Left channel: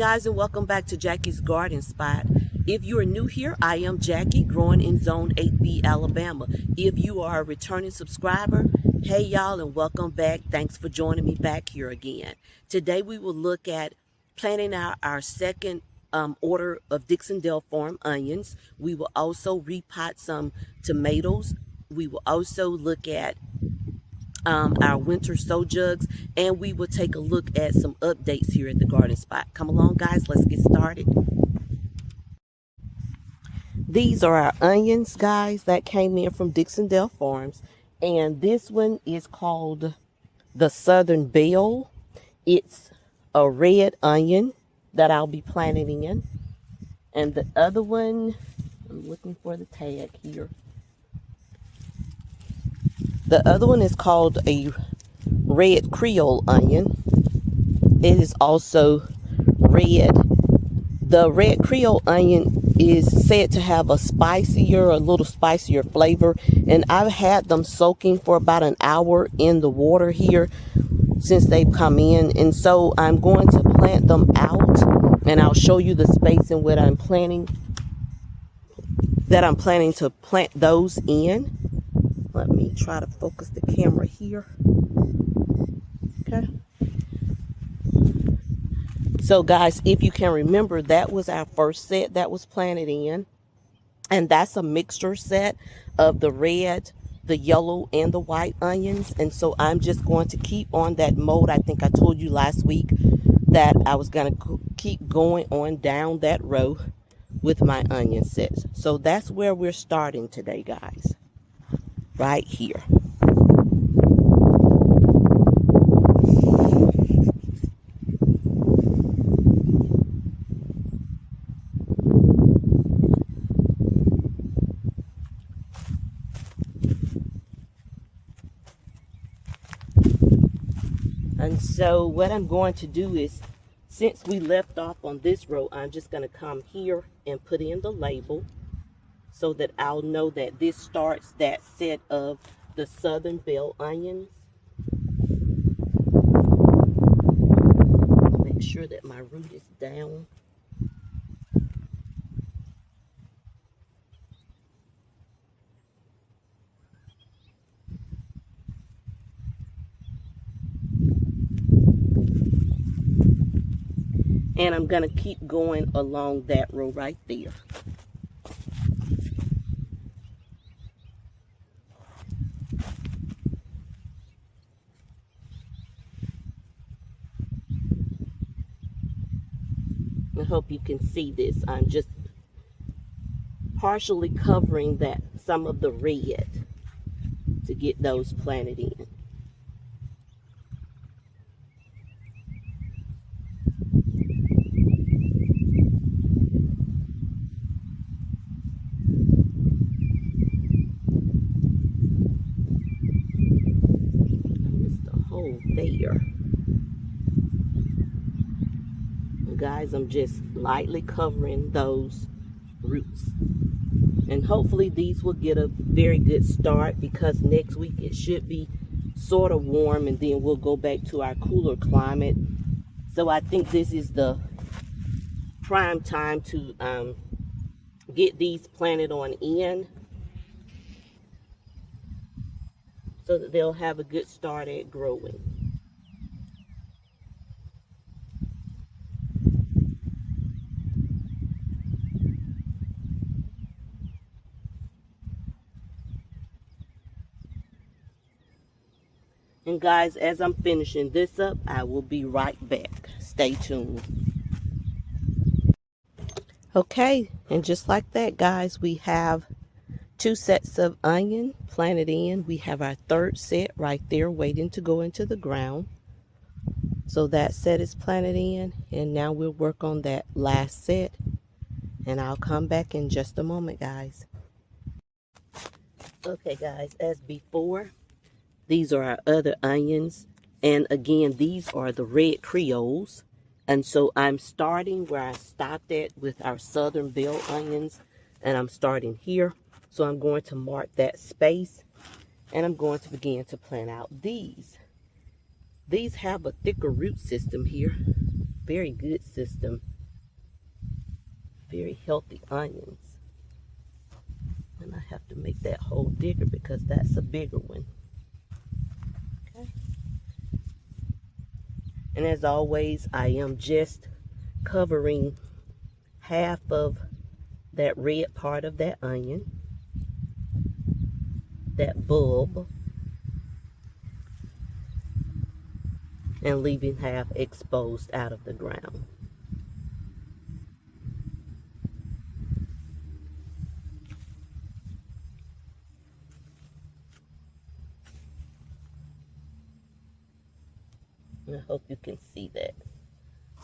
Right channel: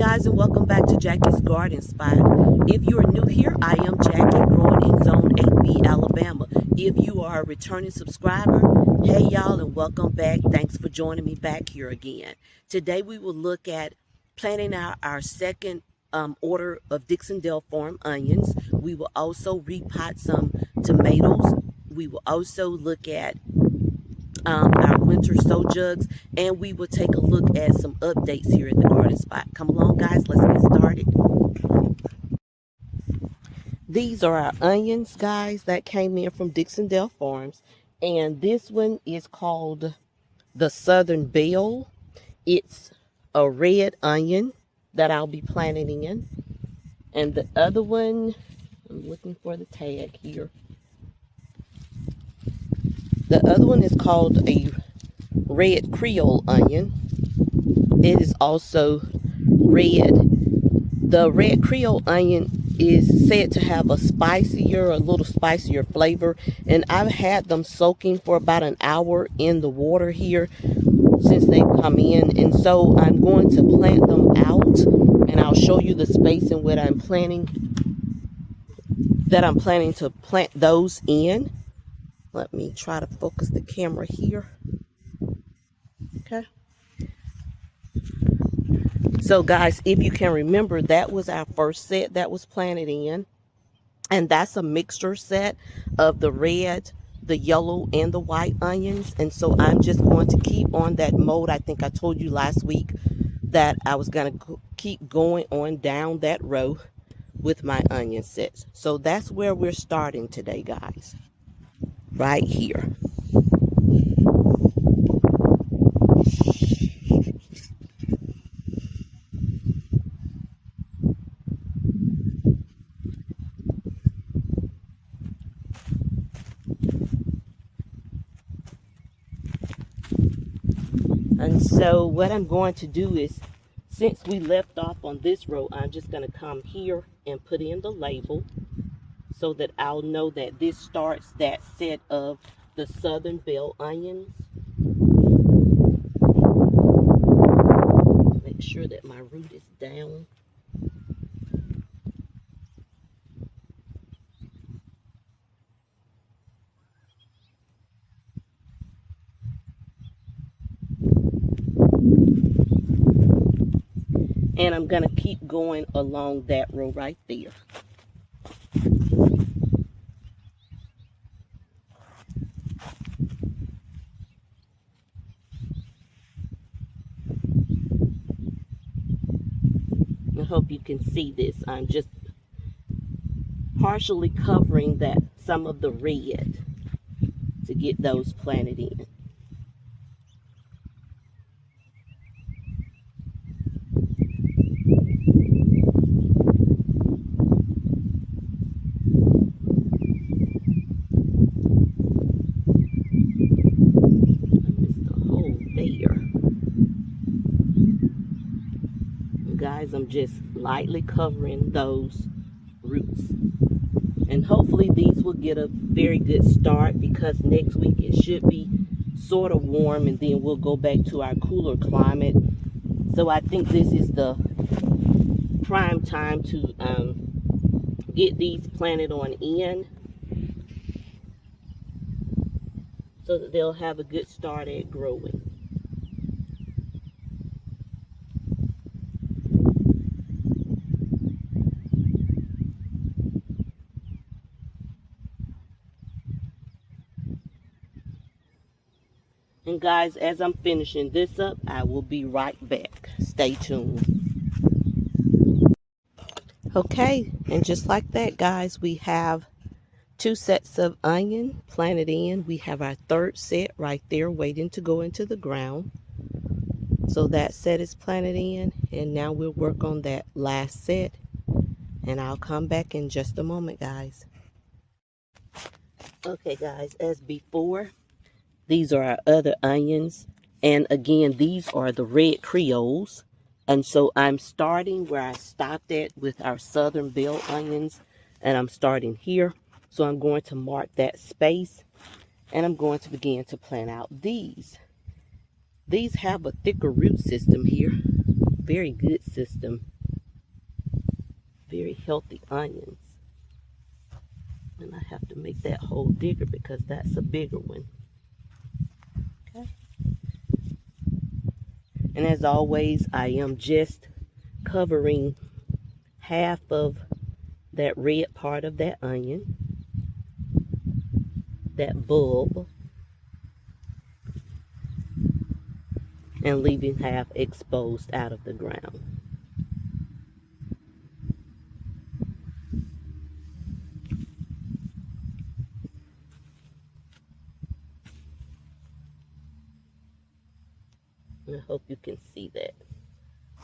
guys, and welcome back to Jackie's Garden Spot. If you are new here, I am Jackie, growing in Zone 8B, Alabama. If you are a returning subscriber, hey y'all, and welcome back. Thanks for joining me back here again. Today we will look at planting out our second order of Dixondale Farm onions. We will also repot some tomatoes. We will also look at our winter sow jugs, and we will take a look at some updates here at the Garden Spot. Come along guys, let's get started. These are our onions, guys, that came in from Dixondale Farms, and this one is called the Southern Belle. It's a red onion that I'll be planting in, and the other one, I'm looking for the tag here. The other one is called a red Creole onion. It is also red. The red Creole onion is said to have a little spicier flavor. And I've had them soaking for about an hour in the water here since they've come in. And so I'm going to plant them out, and I'll show you the space in what I'm planning to plant those in. Let me try to focus the camera here. Okay. So guys, if you can remember, that was our first set that was planted in. And that's a mixture set of the red, the yellow, and the white onions. And so I'm just going to keep on that mode. I think I told you last week that I was going to keep going on down that row with my onion sets. So that's where we're starting today, guys. Right here. And so what I'm going to do is, since we left off on this row, I'm just going to come here and put in the label, so that I'll know that this starts that set of the Southern Belle onions. Make sure that my root is down. And I'm going to keep going along that row right there. I hope you can see this. I'm just partially covering some of the red to get those planted in. I missed a hole there. Guys, I'm just lightly covering those roots, and hopefully these will get a very good start, because next week it should be sort of warm, and then we'll go back to our cooler climate. So I think this is the prime time to get these planted on in, so that they'll have a good start at growing. And guys, as I'm finishing this up, I will be right back. Stay tuned. Okay, and just like that, guys, we have 2 sets of onion planted in. We have our third set right there waiting to go into the ground. So that set is planted in, and now we'll work on that last set. And I'll come back in just a moment, guys. Okay, guys, as before, these are our other onions, and again, these are the red Creoles. And so I'm starting where I stopped at with our Southern Belle onions, and I'm starting here. So I'm going to mark that space, and I'm going to begin to plant out these. These have a thicker root system here, very good system. Very healthy onions. And I have to make that hole bigger because that's a bigger one. Okay. And as always, I am just covering half of that red part of that onion, that bulb, and leaving half exposed out of the ground. And I hope you can see that.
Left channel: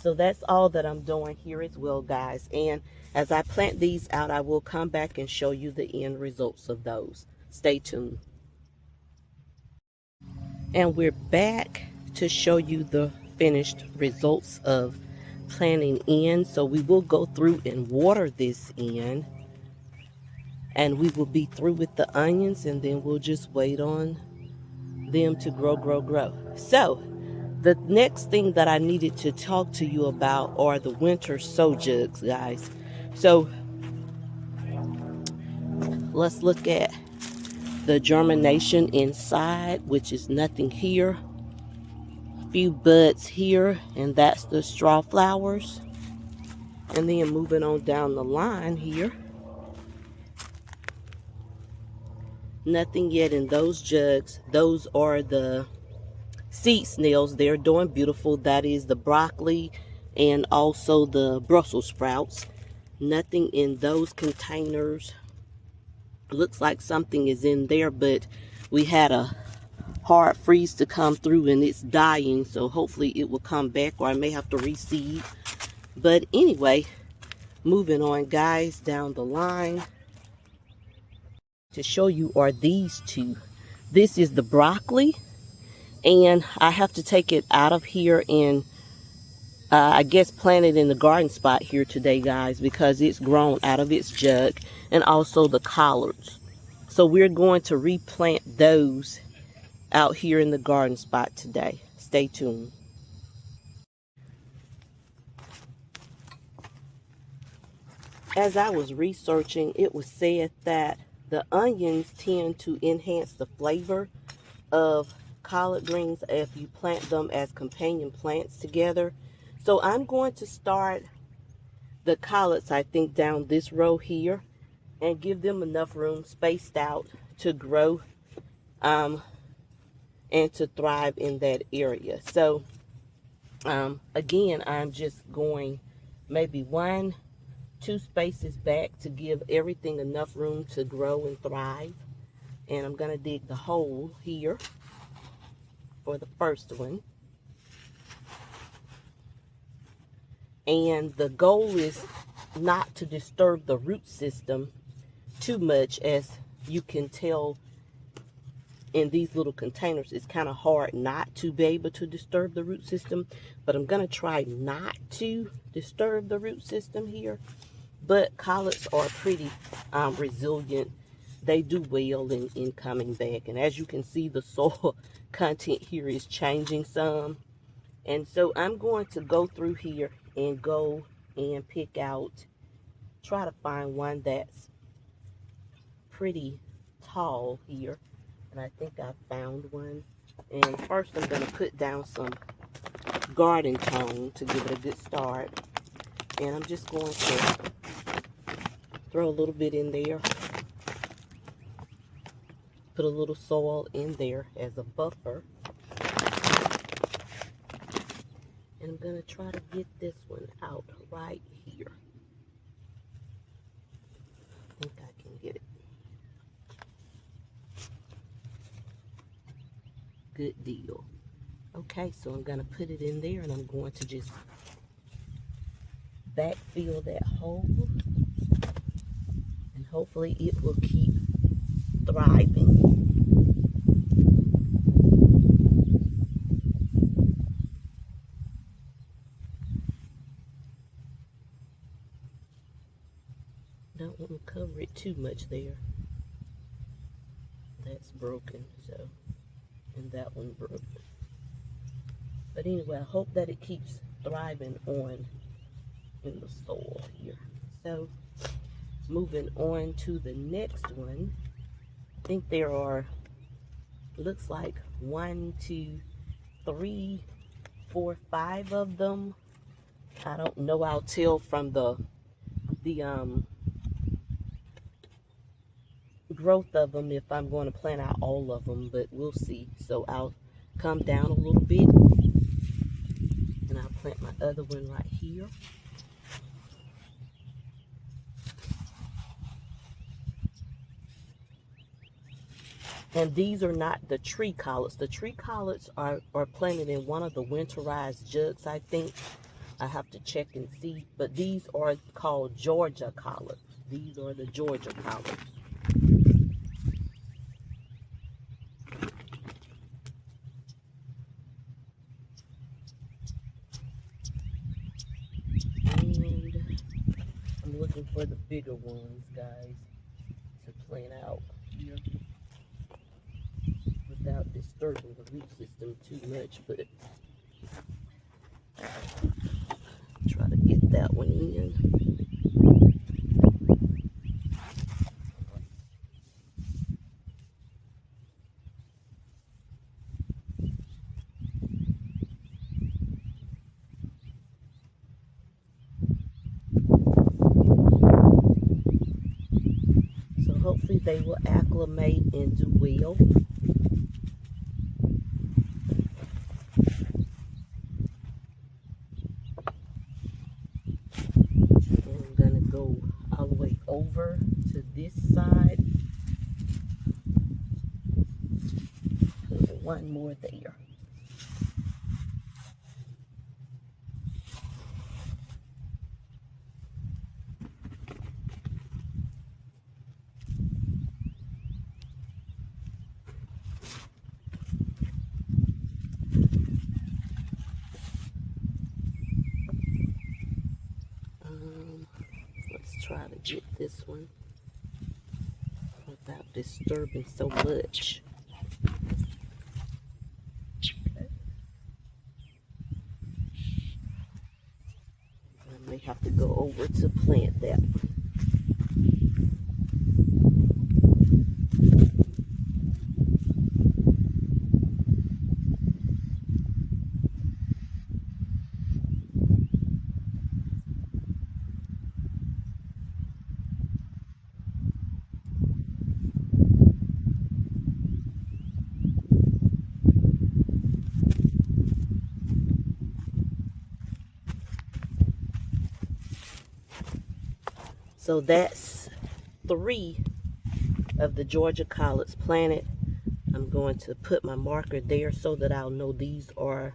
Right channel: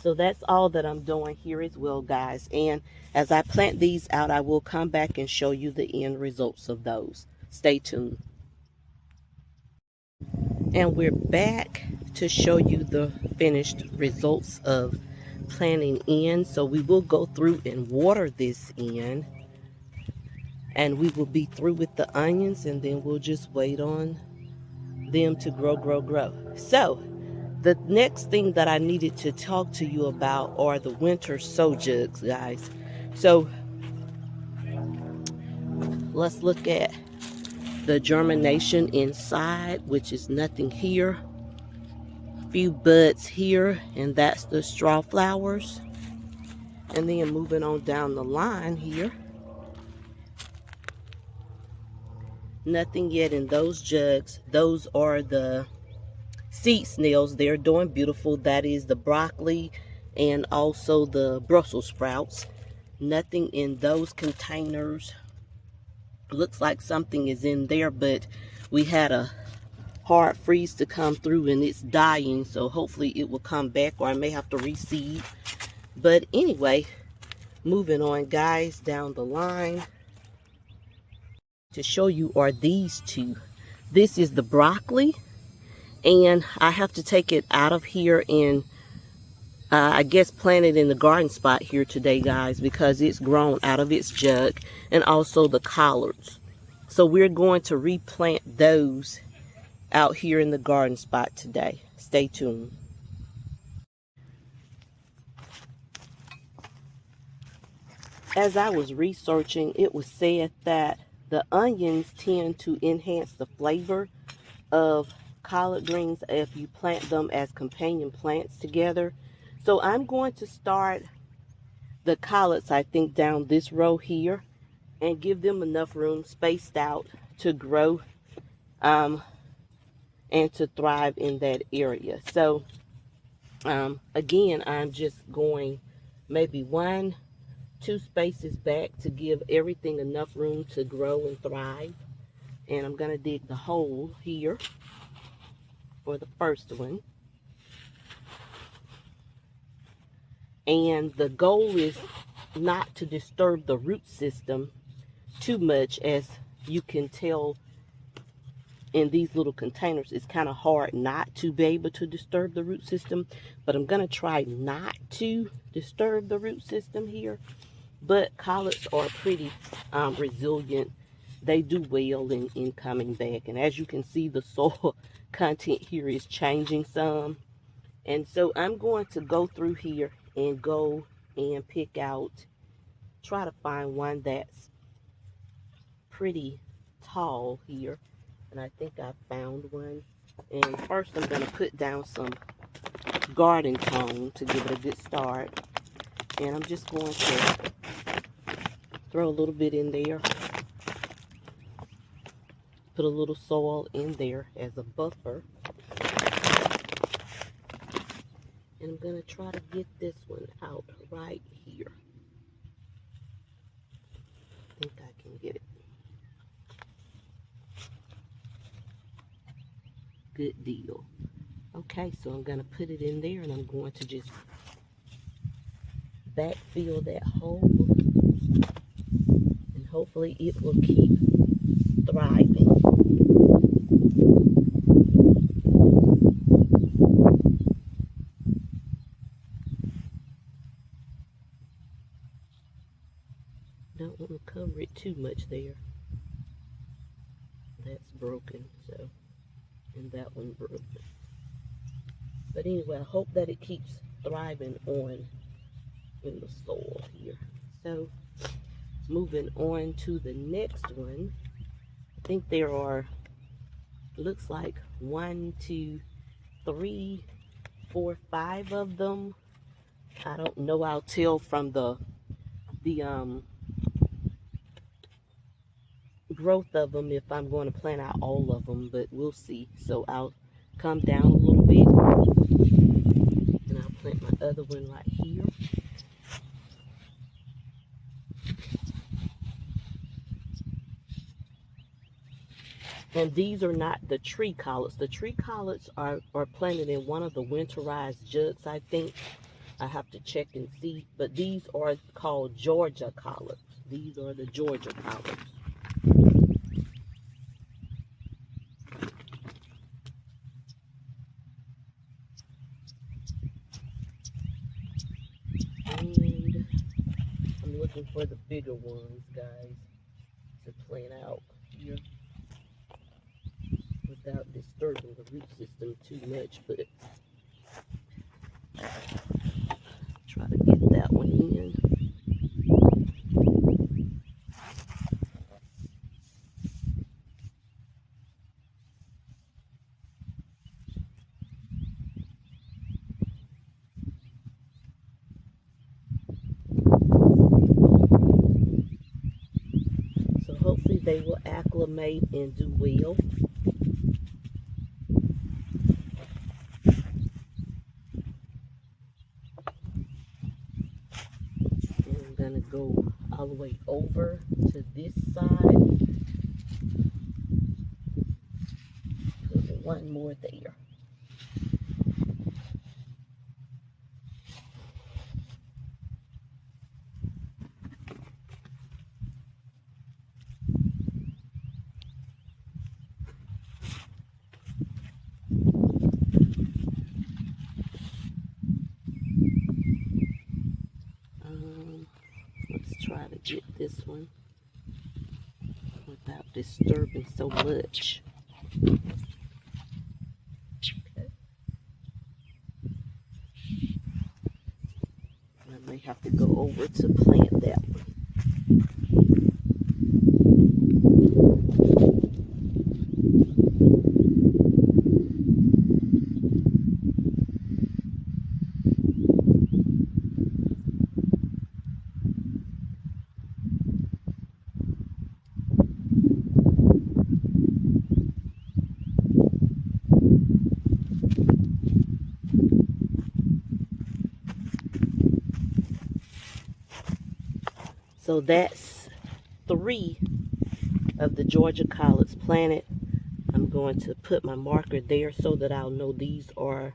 So that's all that I'm doing here as well, guys. And as I plant these out, I will come back and show you the end results of those. Stay tuned. And we're back to show you the finished results of planting in. So we will go through and water this in. And we will be through with the onions, and then we'll just wait on them to grow. So the next thing that I needed to talk to you about are the winter sow jugs, guys. So let's look at the germination inside, which is nothing here. A few buds here, and that's the straw flowers. And then moving on down the line here, nothing yet in those jugs. Those are the seed snails. They're doing beautiful. That is the broccoli and also the Brussels sprouts. Nothing in those containers. Looks like something is in there, but we had a hard freeze to come through and it's dying, so hopefully it will come back, or I may have to reseed. But anyway, moving on, guys, down the line to show you are these two. This is the broccoli, and I have to take it out of here and I guess plant it in the garden spot here today, guys, because it's grown out of its jug. And also the collards. So we're going to replant those out here in the garden spot today. Stay tuned. As I was researching, it was said that the onions tend to enhance the flavor of collard greens if you plant them as companion plants together. So I'm going to start the collards, I think, down this row here and give them enough room spaced out to grow and to thrive in that area. So again, I'm just going maybe 1-2 spaces back to give everything enough room to grow and thrive. And I'm going to dig the hole here for the first one. And the goal is not to disturb the root system too much. As you can tell in these little containers, it's kind of hard not to be able to disturb the root system. But I'm going to try not to disturb the root system here. But collards are pretty resilient. They do well in coming back. And as you can see, the soil content here is changing some. And so I'm going to go through here and go and pick out, try to find one that's pretty tall here. And I think I found one. And first I'm going to put down some garden tone to give it a good start. And I'm just going to throw a little bit in there. Put a little soil in there as a buffer. And I'm going to try to get this one out right here. I think I can get it. Good deal. Okay, so I'm going to put it in there, and I'm going to just backfill that hole. And hopefully it will keep thriving. Don't want to cover it too much there. That's broken, and that one broke. But anyway, I hope that it keeps thriving on in the soil here. So moving on to the next one. I think there are, looks like 1, 2, 3, 4, 5 of them. I don't know. I'll tell from the growth of them if I'm going to plant out all of them, but we'll see. So I'll come down a little bit and I'll plant my other one right here. And these are not the tree collards. The tree collards are planted in one of the winterized jugs, I think. I have to check and see. But these are called Georgia collards. These are the Georgia collards. And I'm looking for the bigger ones, guys, to plant out here without disturbing the root system too much, but try to get that one in. So hopefully they will acclimate and do well. Go all the way over to this side. Put one more there. Let's try to get this one without disturbing so much. Okay. I may have to go over to plant that one. So that's 3 of the Georgia collards planted. I'm going to put my marker there so that I'll know these are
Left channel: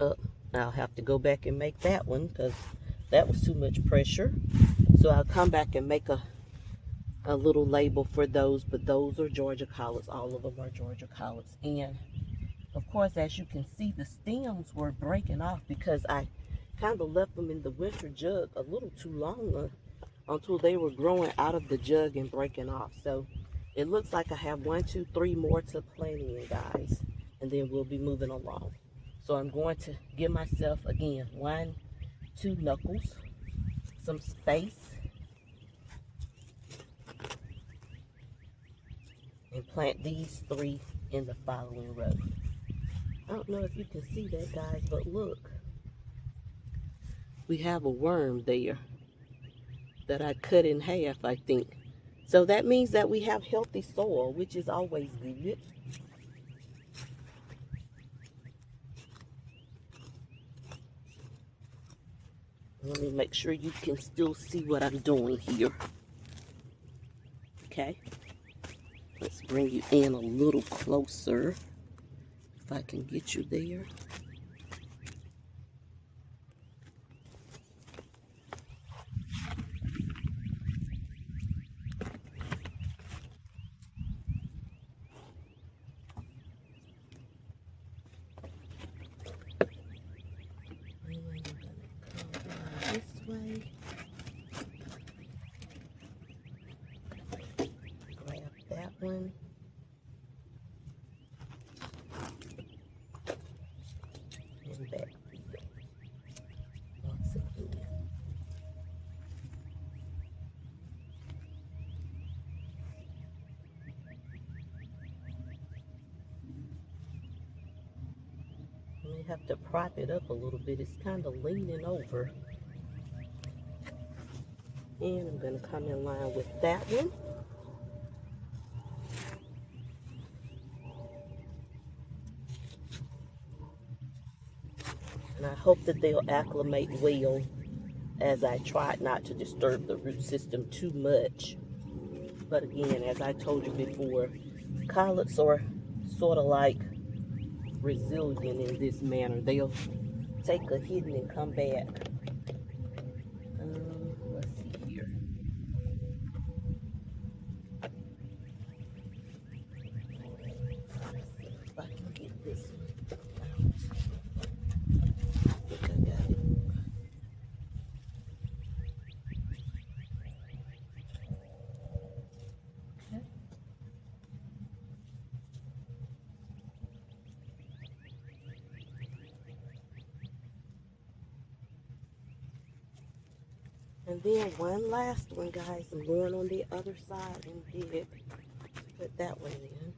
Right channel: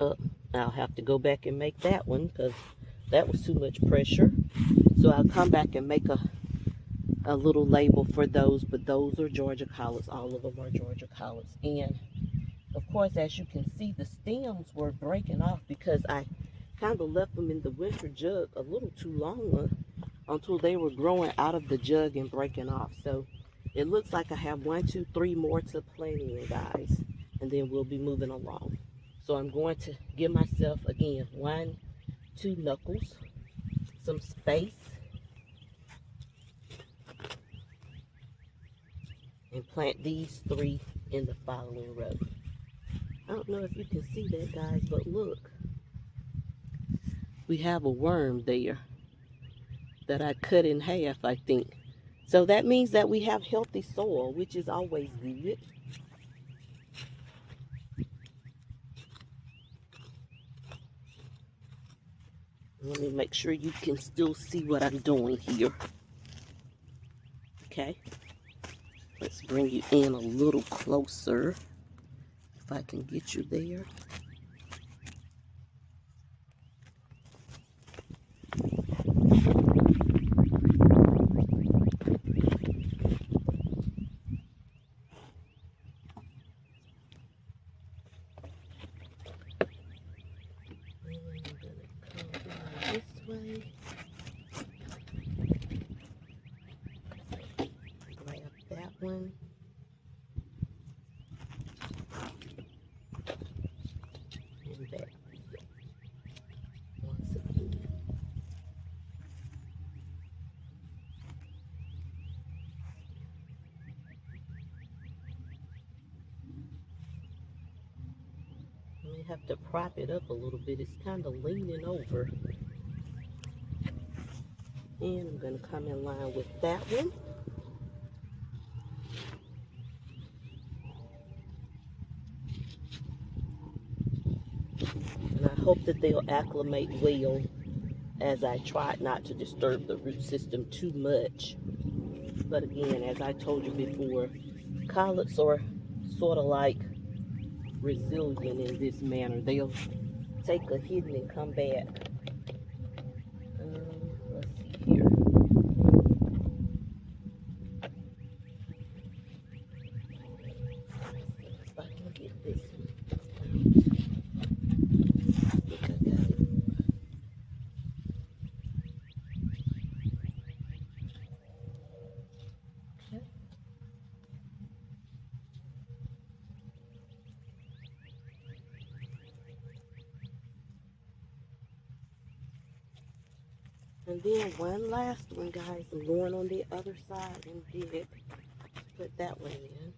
up. I'll have to go back and make that one because that was too much pressure. So I'll come back and make a little label for those, but those are Georgia collards. All of them are Georgia collards. And of course, as you can see, the stems were breaking off because I kind of left them in the winter jug a little too long until they were growing out of the jug and breaking off. So it looks like I have 1, 2, 3 more to plant in, guys, and then we'll be moving along. So I'm going to give myself, again, 1, 2 knuckles, some space, and plant these 3 in the following row. I don't know if you can see that, guys, but look, we have a worm there that I cut in half, I think. So that means that we have healthy soil, which is always good. Let me make sure you can still see what I'm doing here. Okay. Let's bring you in a little closer, if I can get you there. One. And back. may have to prop it up a little bit. It's kind of leaning over. And I'm going to come in line with that one. And I hope that they'll acclimate well, as I tried not to disturb the root system too much. But again, as I told you before, collards are sort of like resilient in this manner. They'll take a hitting and come back. Let's see here. If I can get this one. I think I got it. Okay. And then one last one, guys. I'm going on the other side and did put that one in.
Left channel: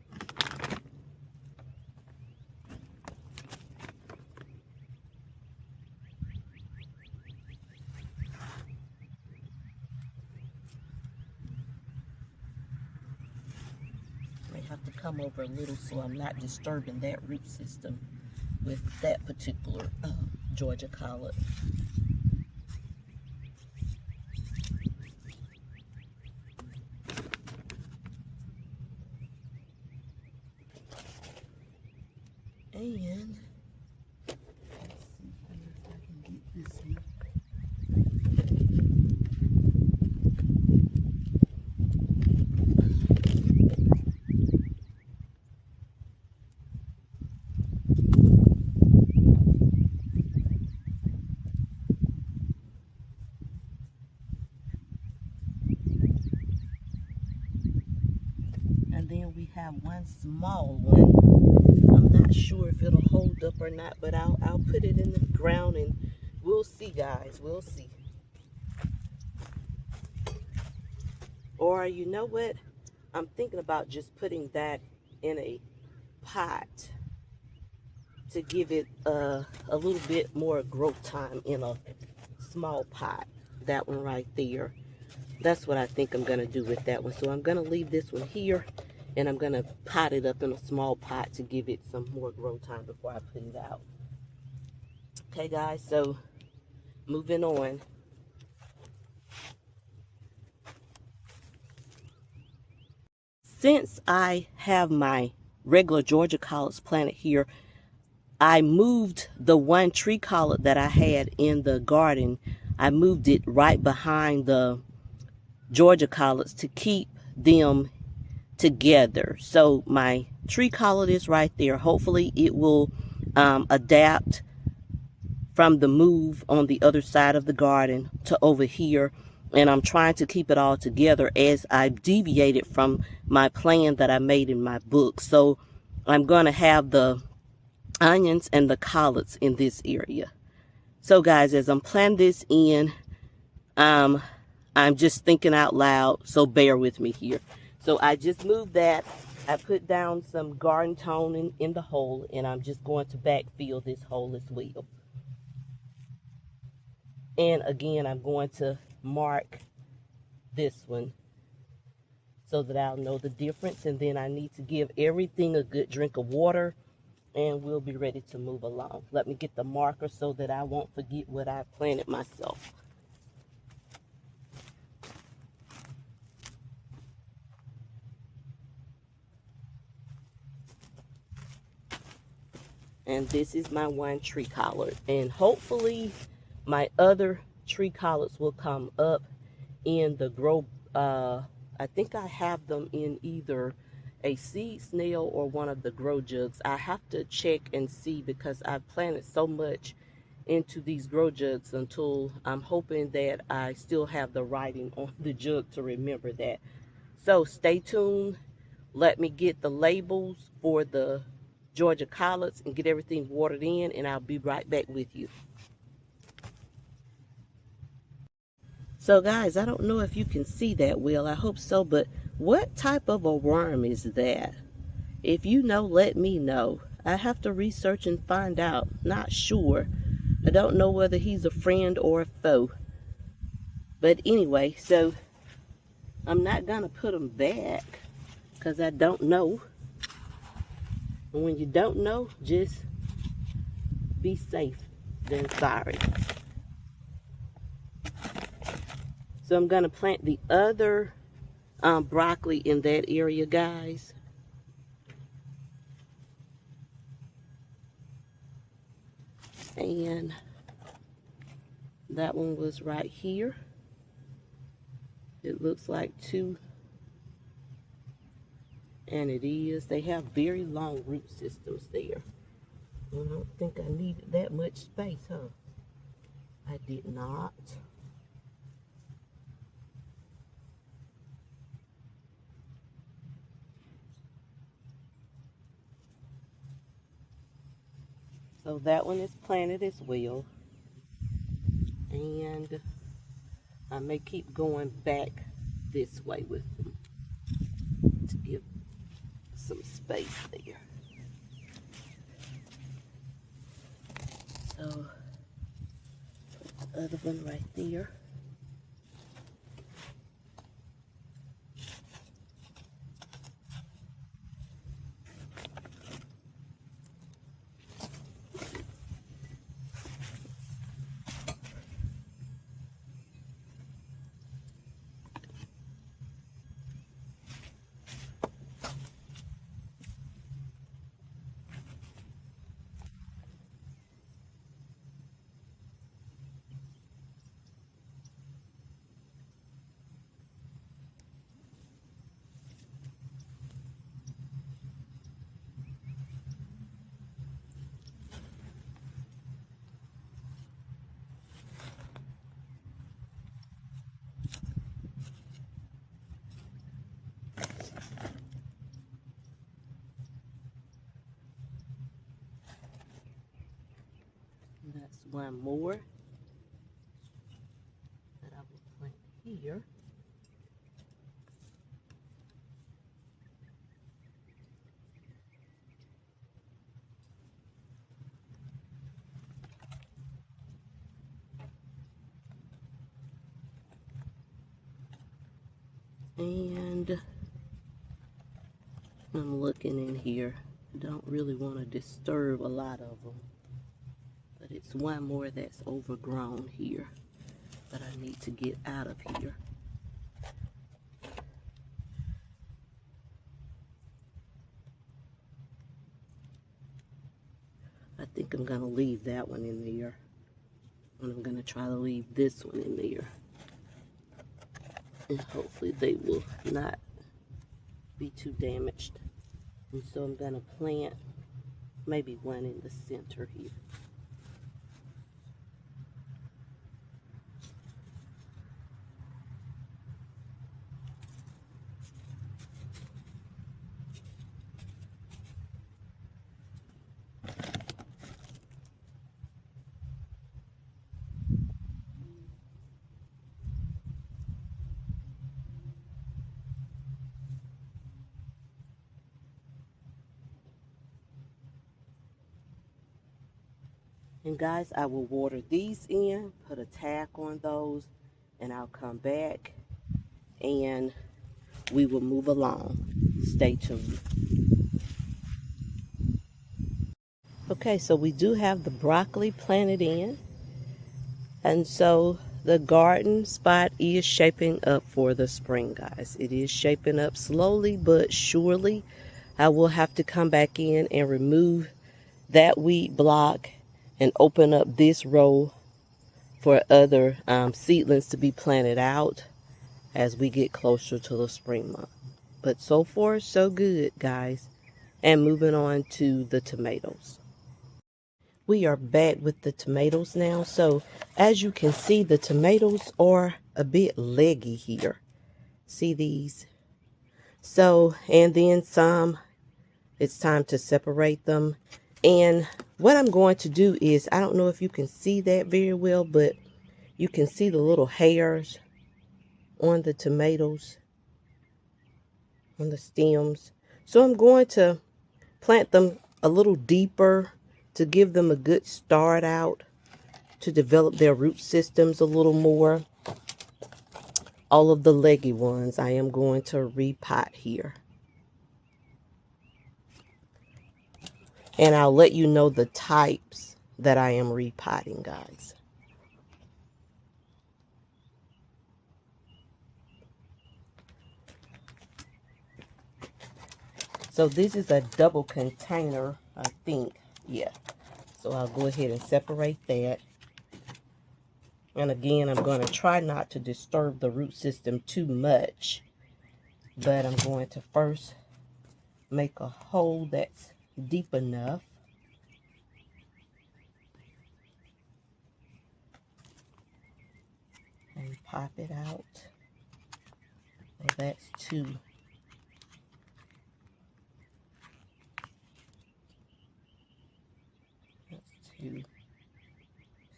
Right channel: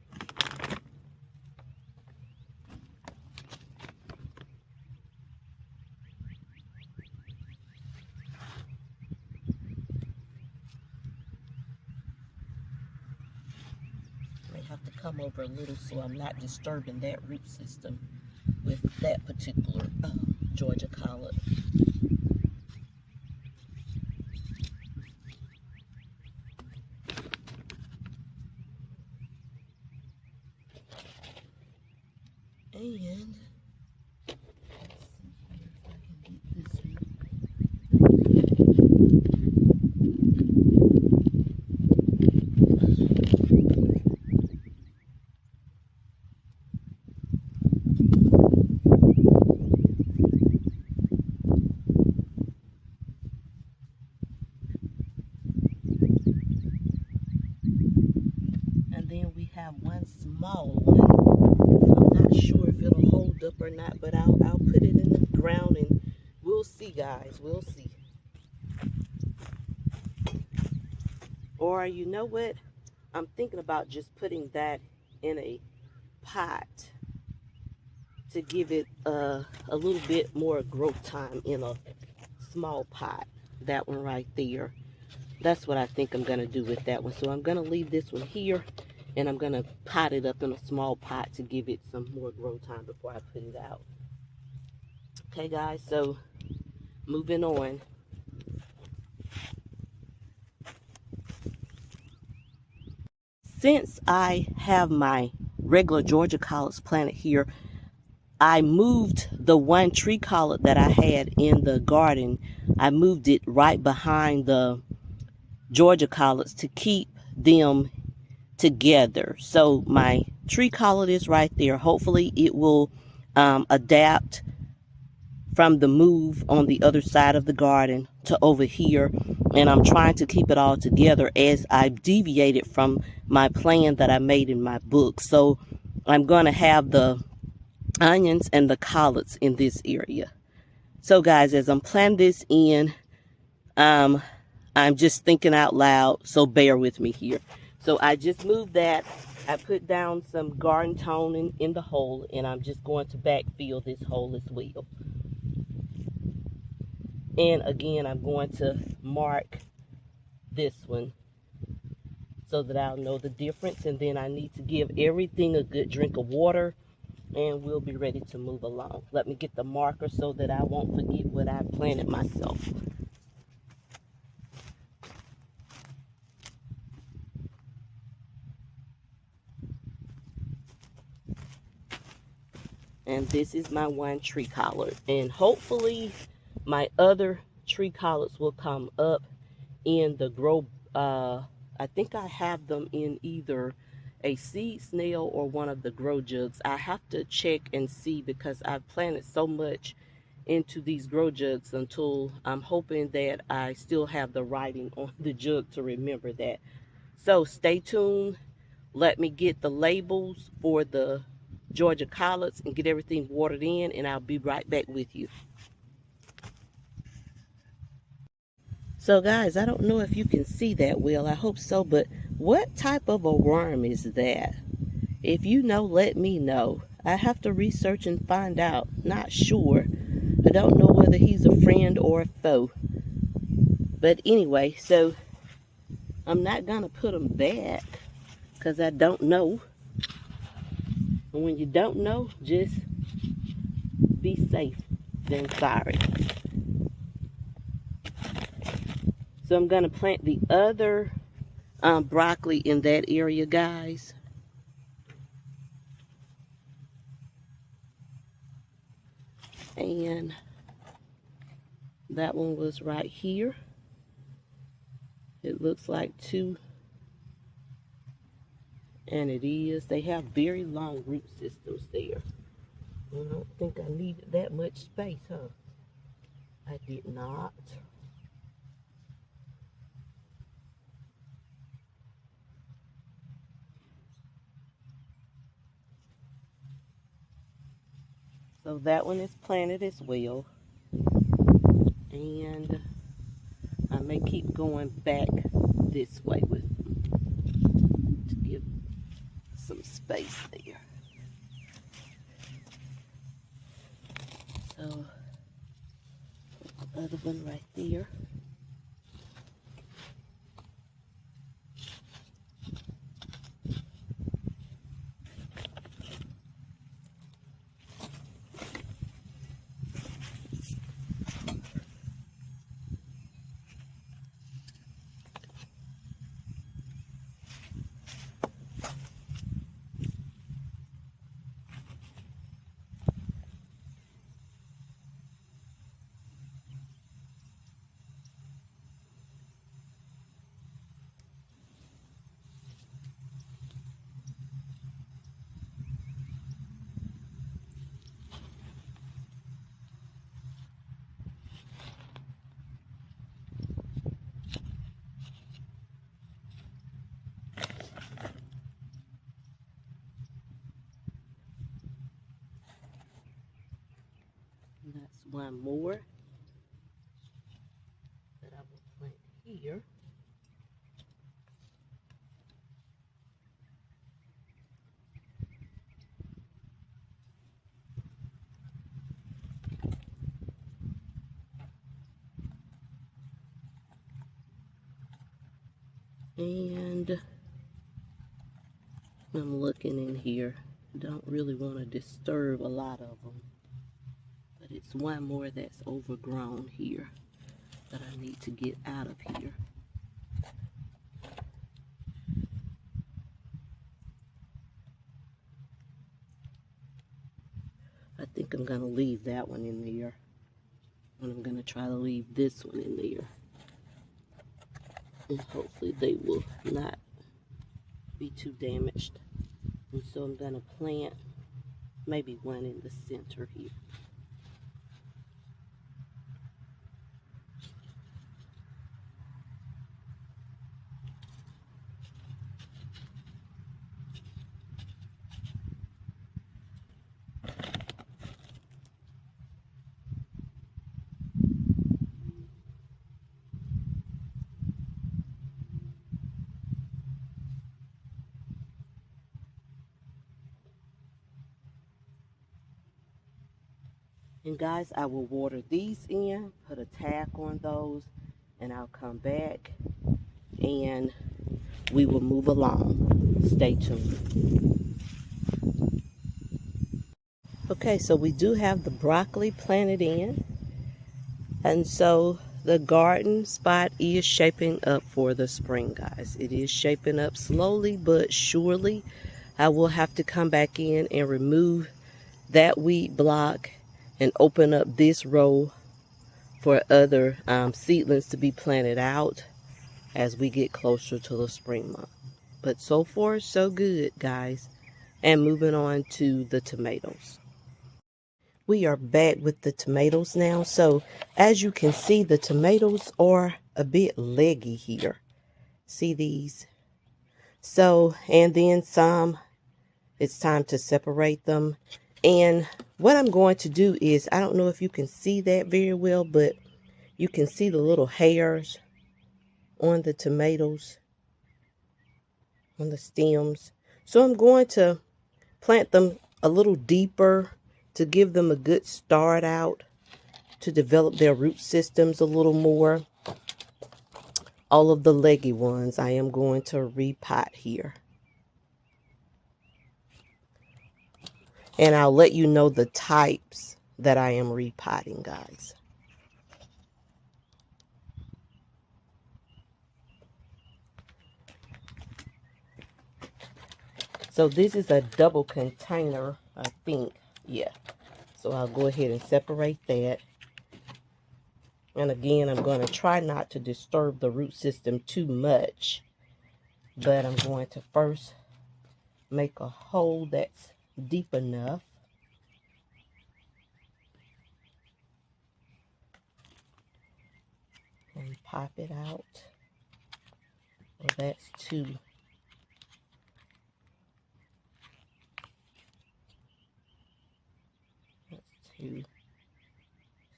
I may have to come over a little so I'm not disturbing that root system with that particular Georgia collard. And let's see here if I can get this one. And then we have one small one. I'm not sure if it'll hold up or not, but I'll put it in the ground and we'll see, guys. We'll see. Or you know what? I'm thinking about just putting that in a pot to give it a little bit more growth time in a small pot. That one right there. That's what I think I'm going to do with that one. So I'm going to leave this one here. And I'm going to pot it up in a small pot to give it some more growth time before I put it out. Okay, guys, so moving on. Since I have my regular Georgia collards planted here, I moved the one tree collard that I had in the garden. I moved it right behind the Georgia collards to keep them together. So my tree collard is right there. Hopefully it will adapt from the move on the other side of the garden to over here, and I'm trying to keep it all together as I've deviated from my plan that I made in my book. So I'm going to have the onions and the collards in this area. So guys, as I'm planting this in, I'm just thinking out loud, so bear with me here. So I just moved that. I put down some garden toning in the hole, and I'm just going to backfill this hole as well. And again, I'm going to mark this one so that I'll know the difference. And then I need to give everything a good drink of water, and we'll be ready to move along. Let me get the marker so that I won't forget what I planted myself. And this is my one tree collard. And hopefully my other tree collards will come up in the grow. I think I have them in either a seed snail or one of the grow jugs. I have to check and see because I've planted so much into these grow jugs until I'm hoping that I still have the writing on the jug to remember that. So stay tuned. Let me get the labels for the Georgia collards and get everything watered in, and I'll be right back with you. So guys, I don't know if you can see that well. I hope so, but what type of a worm is that? If you know, let me know. I have to research and find out. Not sure. I don't know whether he's a friend or a foe. But anyway, so I'm not going to put him back because I don't know. And when you don't know, just be safe than sorry. So I'm going to plant the other broccoli in that area, guys. And that one was right here. It looks like two. And it is. They have very long root systems there. I don't think I needed that much space, huh? I did not. So that one is planted as well. And I may keep going back this way with them to give some space there. So put the other one right there. And that's one more that I will plant here. And I'm looking in here. Don't really want to disturb a lot of them. But it's one more that's overgrown here that I need to get out of here. I think I'm going to leave that one in there. And I'm going to try to leave this one in there. And hopefully they will not be too damaged. And so I'm going to plant maybe one in the center here. And guys, I will water these in, put a tack on those, and I'll come back and we will move along. Stay tuned. Okay, so we do have the broccoli planted in. And so the garden spot is shaping up for the spring, guys. It is shaping up slowly but surely. I will have to come back in and remove that weed block and open up this row for other seedlings to be planted out as we get closer to the spring month. But so far, so good, guys. And moving on to the tomatoes. We are back with the tomatoes now. So as you can see, the tomatoes are a bit leggy here. See these? So, and then some, it's time to separate them. And what I'm going to do is, I don't know if you can see that very well, but you can see the little hairs on the tomatoes, on the stems. So I'm going to plant them a little deeper to give them a good start out to develop their root systems a little more. All of the leggy ones I am going to repot here. And I'll let you know the types that I am repotting, guys. So this is a double container, I think. Yeah. So I'll go ahead and separate that. And again, I'm going to try not to disturb the root system too much. But I'm going to first make a hole that's deep enough. And pop it out. Well, that's two. That's two.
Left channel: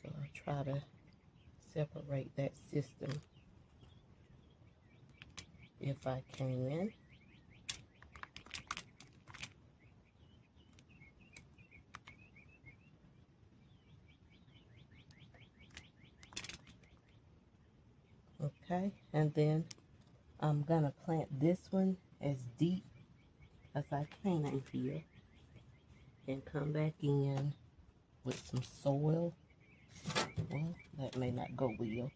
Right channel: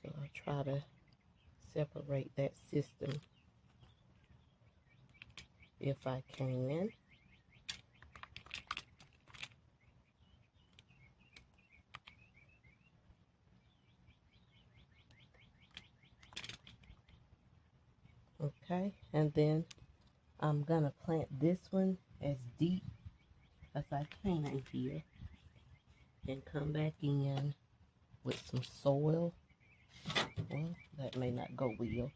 So I'll try to separate that system if I can. Okay, and then I'm gonna plant this one as deep as I can here and come back in with some soil. Well, that may not go well.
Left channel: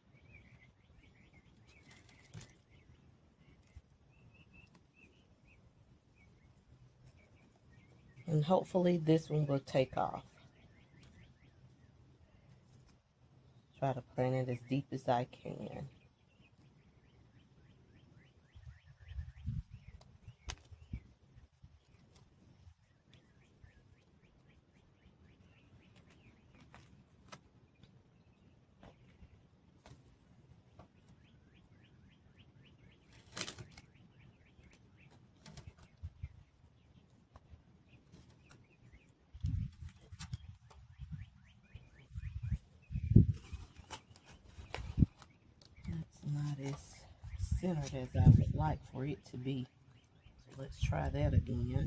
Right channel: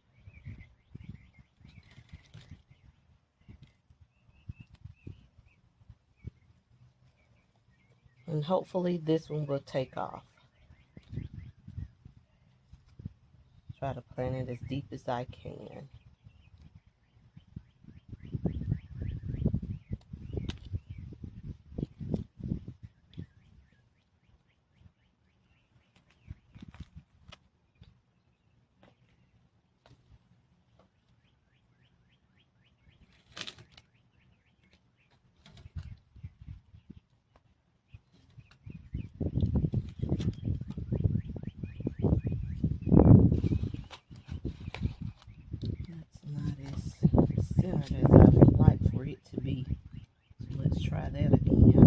And hopefully this one will take off. Try to plant it as deep as I can. As I would like for it to be. So let's try that again.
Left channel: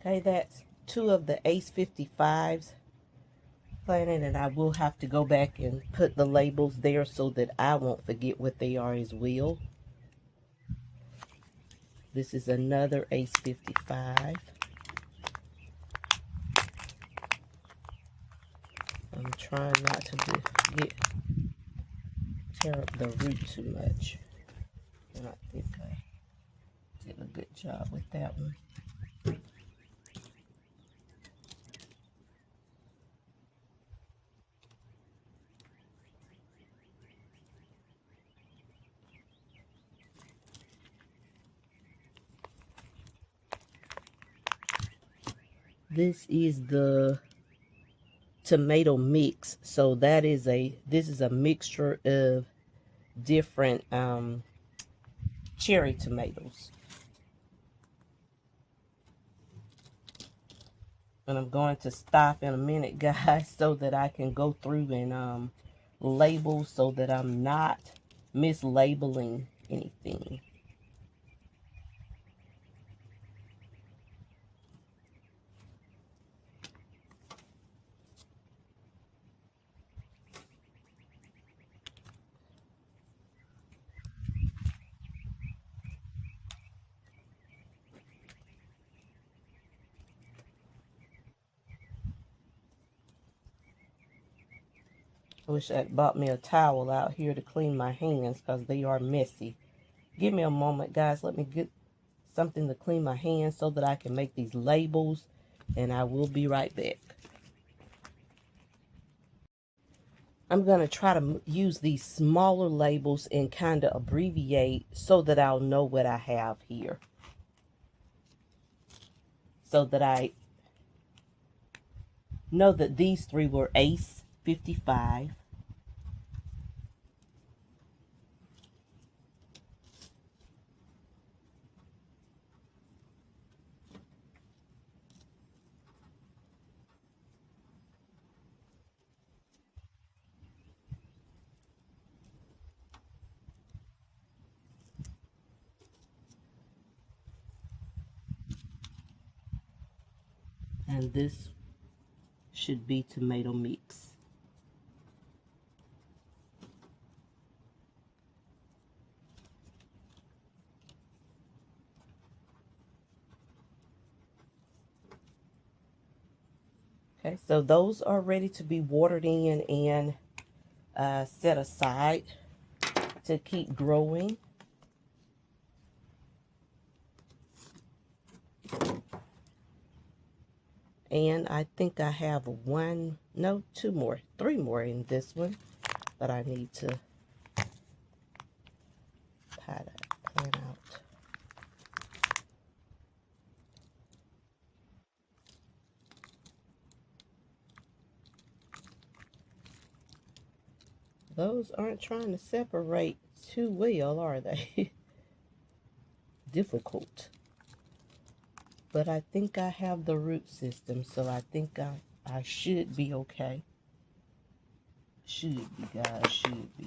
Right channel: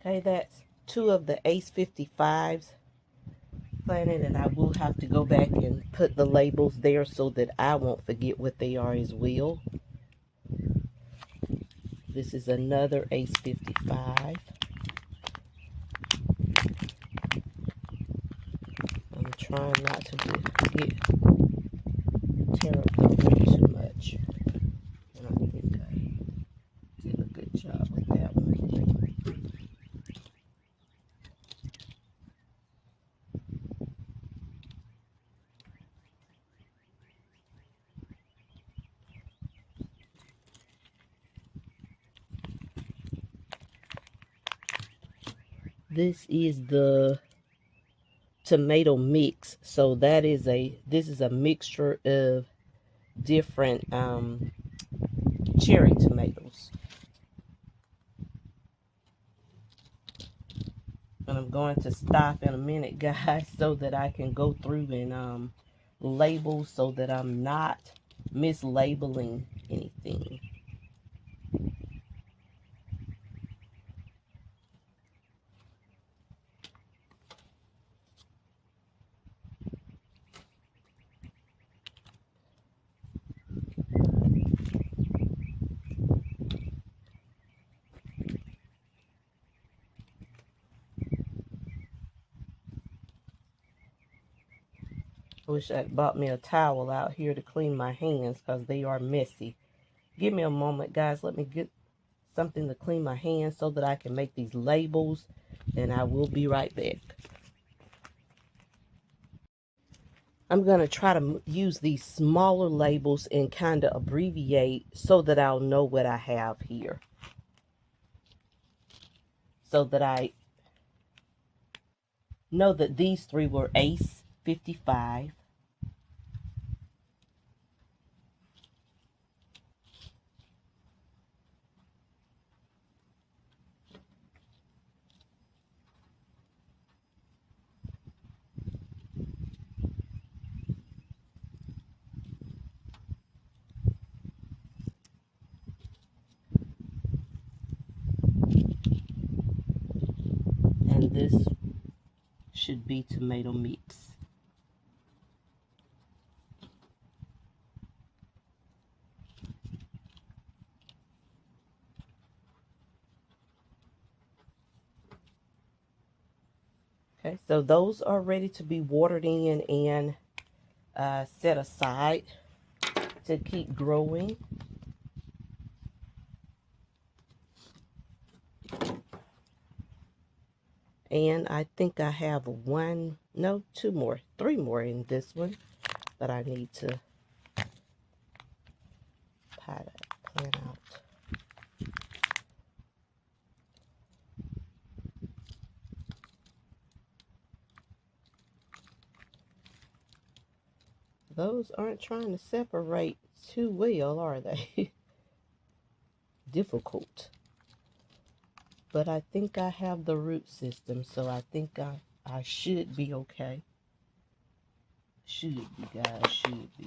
Okay, that's two of the Ace 55s planted, and I will have to go back and put the labels there so that I won't forget what they are as well. This is another Ace 55. I'm trying not to tear up the wood too much. And I think I did a good job with that one. This is the tomato mix. So that is this is a mixture of different cherry tomatoes. And I'm going to stop in a minute, guys, so that I can go through and label so that I'm not mislabeling anything. I wish I'd bought me a towel out here to clean my hands because they are messy. Give me a moment, guys. Let me get something to clean my hands so that I can make these labels, and I will be right back. I'm going to try to use these smaller labels and kind of abbreviate so that I'll know what I have here. So that I know that these three were Ace 55. this should be tomato mix. Okay, so those are ready to be watered in and set aside to keep growing. And I think I have three more in this one that I need to plant out. Those aren't trying to separate too well, are they? Difficult. But I think I have the root system, so I think I should be okay. Should be, guys, should be.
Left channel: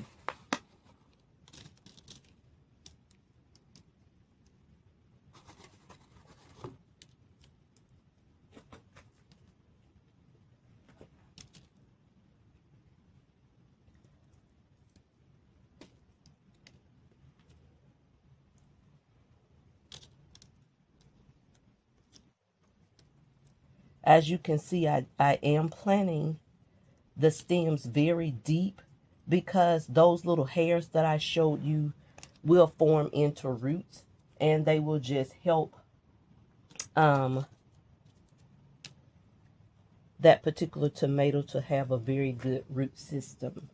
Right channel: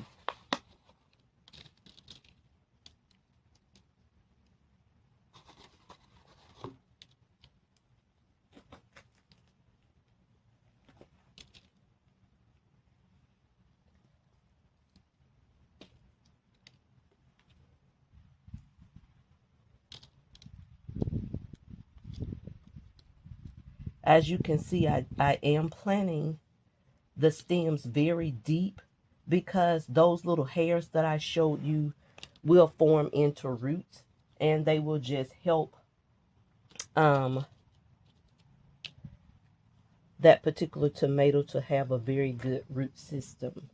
As you can see, I am planting the stems very deep because those little hairs that I showed you will form into roots, and they will just help that particular tomato to have a very good root system.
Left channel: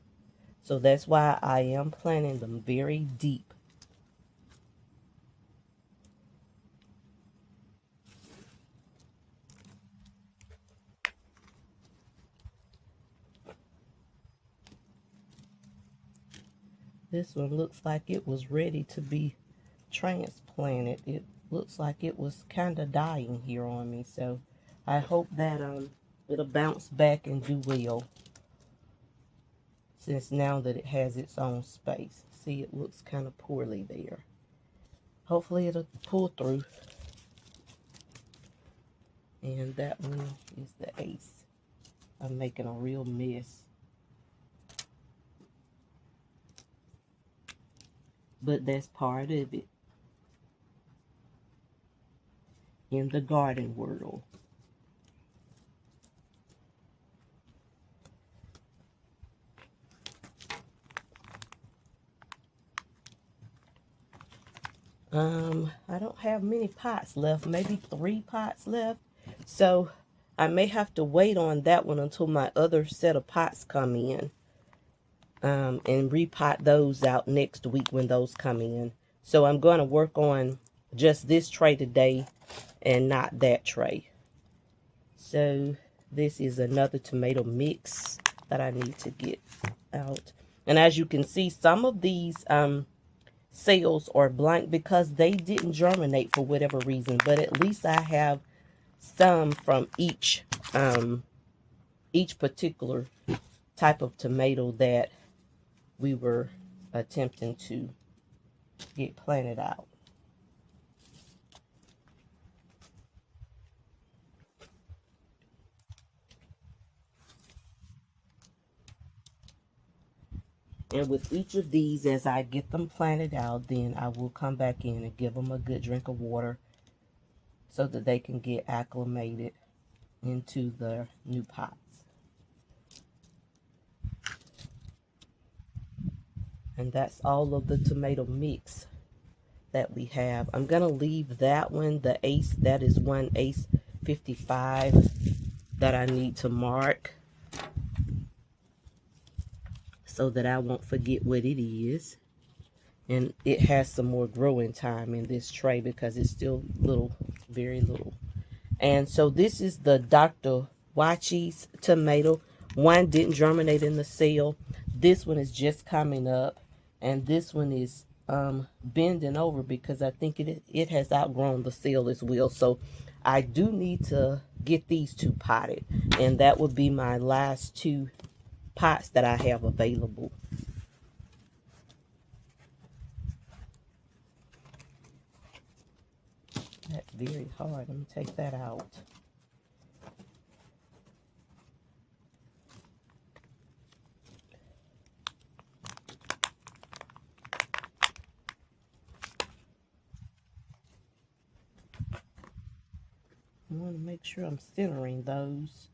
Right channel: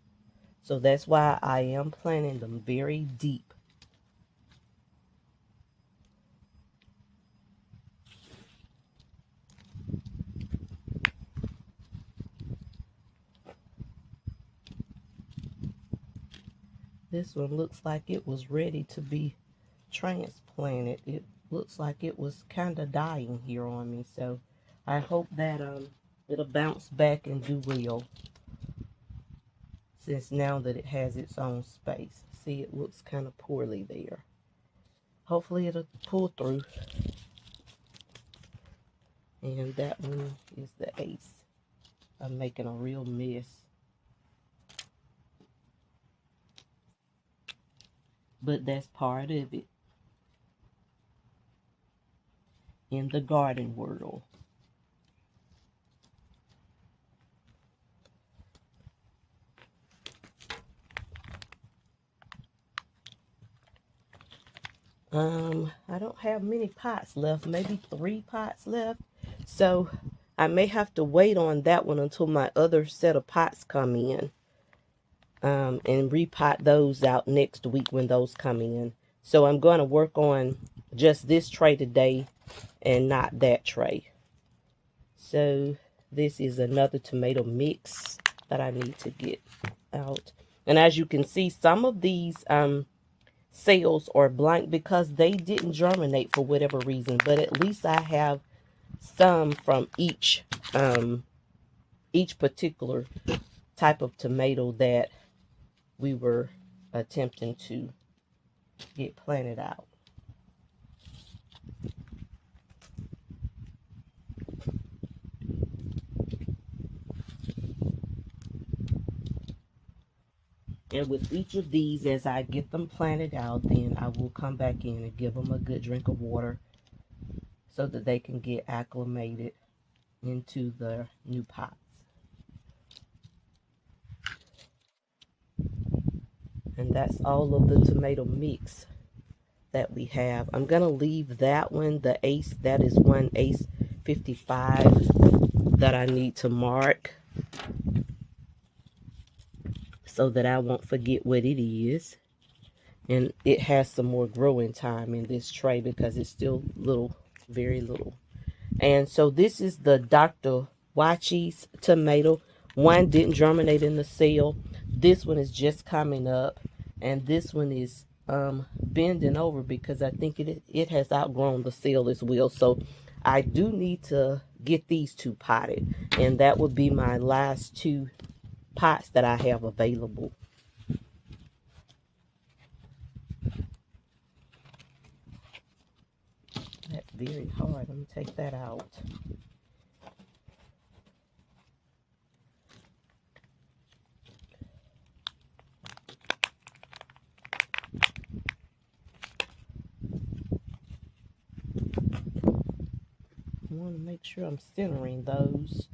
So that's why I am planting them very deep. This one looks like it was ready to be transplanted. It looks like it was kind of dying here on me. So I hope that it'll bounce back and do well, since now that it has its own space. See, it looks kind of poorly there. Hopefully it'll pull through. And that one is the ace. I'm making a real mess. But that's part of it in the garden world. I don't have many pots left, maybe 3 pots left. So I may have to wait on that one until my other set of pots come in. And repot those out next week when those come in. So I'm going to work on just this tray today and not that tray. So this is another tomato mix that I need to get out. And as you can see, some of these cells are blank because they didn't germinate for whatever reason. But at least I have some from each particular type of tomato that we were attempting to get planted out. And with each of these, as I get them planted out, then I will come back in and give them a good drink of water so that they can get acclimated into the new pots. And that's all of the tomato mix that we have. I'm going to leave that one, the ace, that is one ace 55 that I need to mark so that I won't forget what it is. And it has some more growing time in this tray because it's still little, very little. And so this is the Dr. Jacquie's tomato. One didn't germinate in the cell. This one is just coming up. And this one is bending over because I think it has outgrown the cell as well. So I do need to get these 2 potted. And that would be my last 2 pots that I have available. That's very hard. Let me take that out. want to make sure I'm centering those.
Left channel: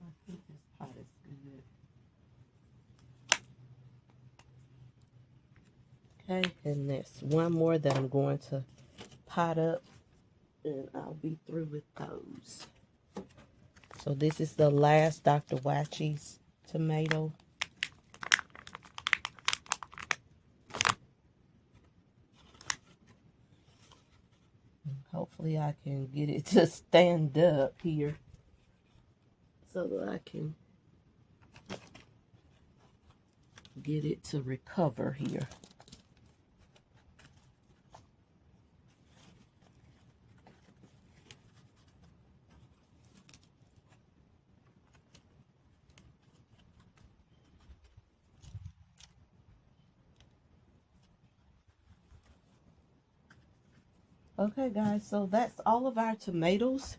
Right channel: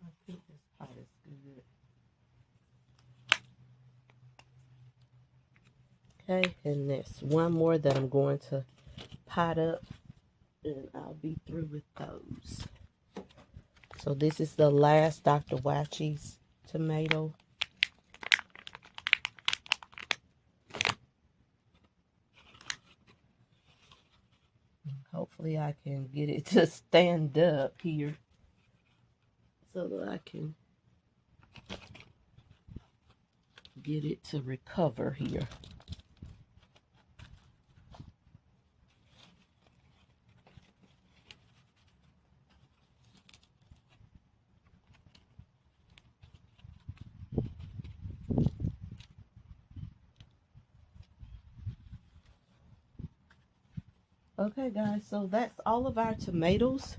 I think this part is good. Okay, and there's one more that I'm going to pot up, and I'll be through with those. So this is the last Dr. Jacquie's tomato. Hopefully I can get it to stand up here so that I can get it to recover here. Okay guys, so that's all of our tomatoes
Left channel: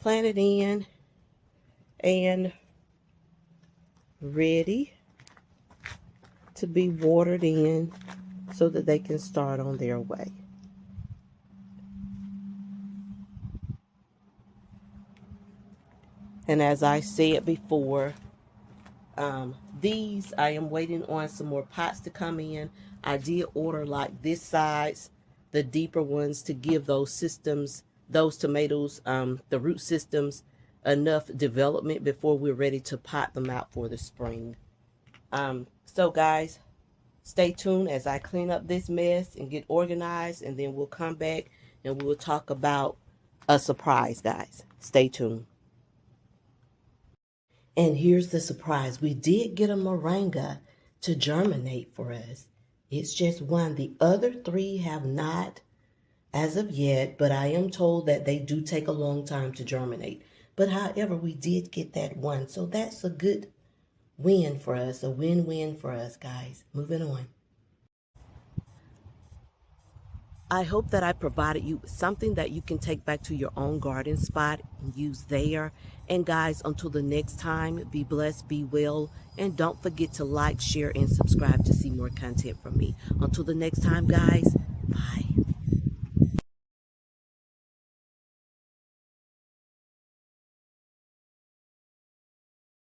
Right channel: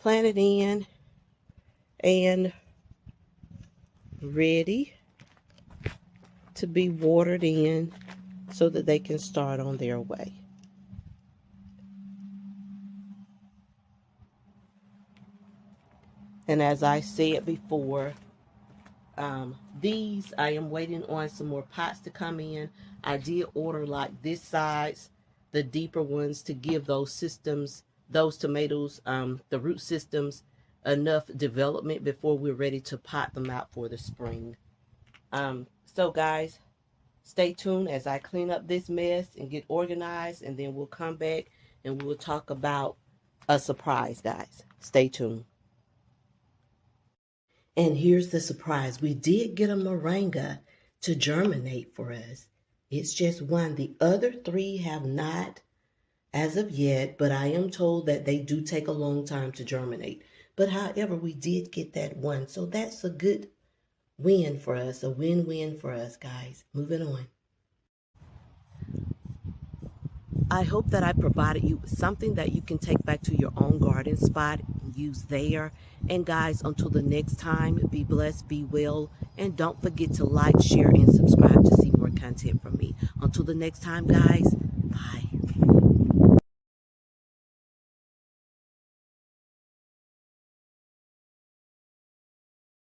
planted in and ready to be watered in so that they can start on their way. And as I said before, these, I am waiting on some more pots to come in. I did order like this size, the deeper ones, to give those systems, those tomatoes, the root systems, enough development before we're ready to pot them out for the spring. So guys, stay tuned as I clean up this mess and get organized, and then we'll come back and we'll talk about a surprise, guys. Stay tuned. And here's the surprise. We did get a moringa to germinate for us. It's just one. The other three have not as of yet, but I am told that they do take a long time to germinate. But however, we did get that one. So that's a good win for us, a win-win for us, guys. Moving on. I hope that I provided you with something that you can take back to your own garden spot and use there. And guys, until the next time, be blessed, be well, and don't forget to like, share, and subscribe to see more content from me. Until the next time, guys, bye.